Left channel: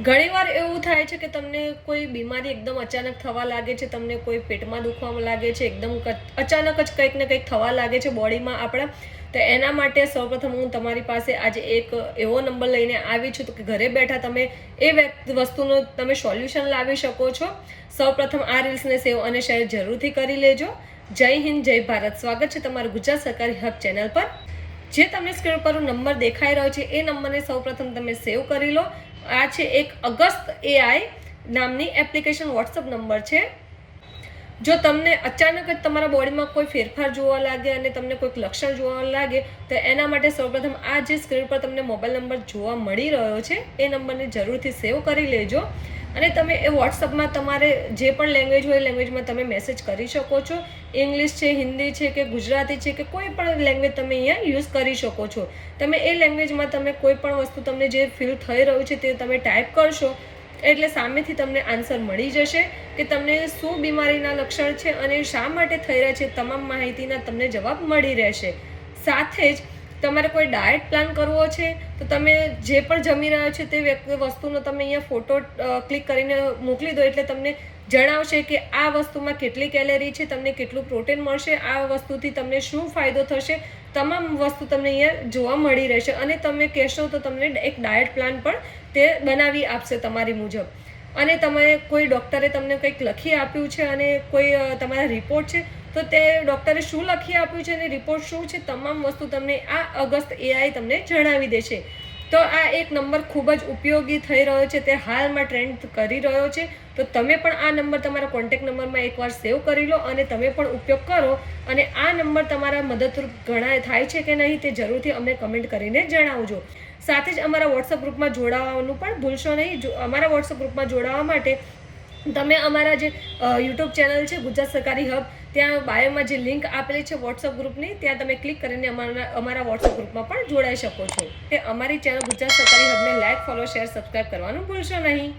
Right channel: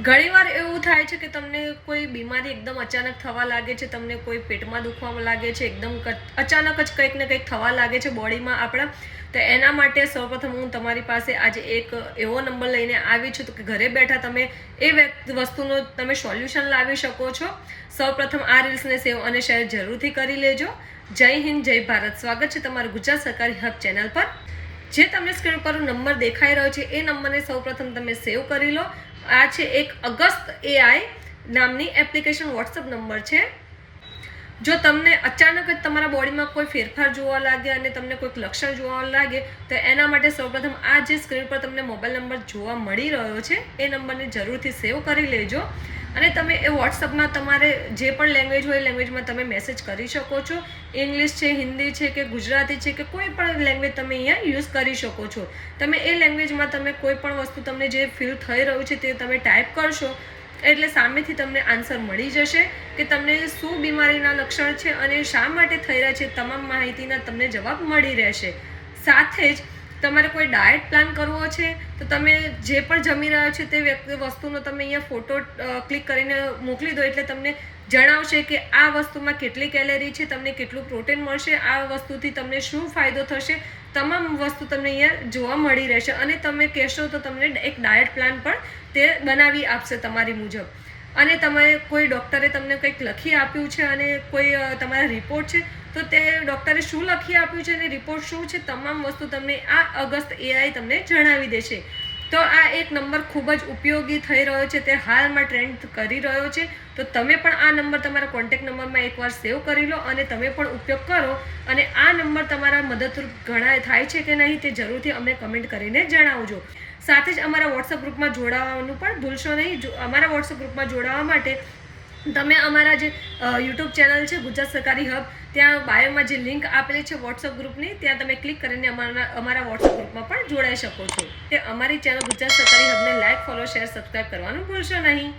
ઘણીવાર એવું થાય છે કે તમને કોઈ બીમારી એકદમ અચાનક થવા લાગે છે, તમને કોઈ પેટમાં દુખવા લાગે છે, એકદમ અચાનક જ કંઈક ને કંઈક થવા લાગે છે બોડીમાં આપણા. તો એના માટે સૌપ્રથમ હું તમારી પાસે આજે એક એવો નંબર લઈને આવી છું તો કે ઘરે બેઠા તમે એ વસ્તુનો તમે સોલ્યુશન લાવી શકો છો. સૌપ્રથમ આ રીલ્સને સેવ અને શેર જરૂરથી કરી લેજો. જય હિન્દ, જય ભારત. સ્વાગત છે તમારું ગુજરાત સરકારી હબ ચેનલ પર. જે તમને સ્ક્રીન પર નંબર દેખાઈ રહ્યો છે એ નંબરને સૌપ્રથમ તમે સેવ કરી લો. આ છે એક અગસ્ત એઆઈ નામની એપ્લિકેશન વોટ્સઅપ નંબર છે. જો તમને અચાનક જ તમારા બોડીમાં કોઈ ફેરફાર જોવા લાગે અને તમને કોઈક લક્ષણ જોવા લાગે તો એના માટે સૌપ્રથમ આ જે સ્ક્રીન પર તમને મોબાઈલ નંબર જોવા મળી રહ્યો છે એ નંબરને જરૂરથી સેવ કરી લેજો. અને તમે એ વોટ્સઅપમાં તમારે જે પણ લેંગ્વેજ હોય એ લેંગ્વેજમાં તમે મેસેજ કરી શકો છો. ઇંગ્લિશ છે, હિન્દી છે કે ગુજરાતી છે કે કોઈ પણ લેંગ્વેજ તમે અહીંયા યુઝ કરી શકો છો. તમે એ લેંગ્વેજમાં તમે કોઈ પણ વસ્તુ તમને જે ફીલ થઈ રહ્યું છે તે તમે ટાઈપ કરશો એટલે સામેથી તમને આન્સર મળી જશે કે તમને શું બીમારીના લક્ષણ છે અને શા માટે થઈ રહ્યા છે. તમામ માહિતીના તમને જવાબ મળી રહેશે. સાથે જ તમારે કોઈ ડાયટ પ્લાન કરવો છે તો તમે જે પણ જમી રહ્યા છો તે વસ્તુનો તમે અહીંયા ફોટો ક્લિક કરીને મોકલી દો એટલે તમને જણાવશે કે આ વસ્તુમાં કેટલી કેલેરી છે, તમને કેટલું પ્રોટીન મળશે, આ વસ્તુથી તમને શું ફાયદો થશે. તમામ વસ્તુ તમને અહીંયા જોવા મળી રહેશે અને તમે કહેશો તો તમને એક ડાયટ પ્લાન પણ તે બનાવી આપશે તમારી મુજબ. અને તમે કોઈ ડૉક્ટરે તમને કંઈક લખી આપ્યું છે અને કોઈ તમારા રિપોર્ટ છે તો તે ડૉક્ટરે શું લખી આપ્યું છે અને રિપોર્ટ શું છે તમામ વસ્તુ તમને આ અગસ્ત એઆઈ તમને જણાવી દેશે. તો આ એક નંબર ખૂબ જ ઉપયોગી થઈ રહ્યો છે, તે હાલમાં ટ્રેન્ડ કરી રહ્યો છે. તો તમે પણ આ નંબર તમારા કોન્ટેક્ટ નંબરમાં એકવાર સેવ કરી લો અને તમે પણ ઉપયોગ કરો. અને આ નંબર તમારા મદદરૂપ ઘણા થાય છે કે નહીં તે જરૂરથી અમને કમેન્ટ કરીને જણાવજો. સાથે જ અમારા વોટ્સઅપ ગ્રુપમાં જોડાવાનું પણ ભૂલશો નહીં. અમારા વોટ્સઅપ ગ્રુપમાં જોડાવા માટે તમે અમારા જે યુટ્યુબ ચેનલ છે ગુજરાત સરકારી હબ, ત્યાં બાયોમાં જે લિંક આપેલી છે વોટ્સઅપ ગ્રુપની ત્યાં તમે ક્લિક કરીને અમારા વોટ્સઅપ ગ્રુપમાં પણ જોડાઈ શકો છો. તે અમારી ચેનલ ગુજરાત સરકારી હબને લાઈક, ફોલો, શેર, સબસ્ક્રાઈબ કરવાનું ભૂલશો નહીં.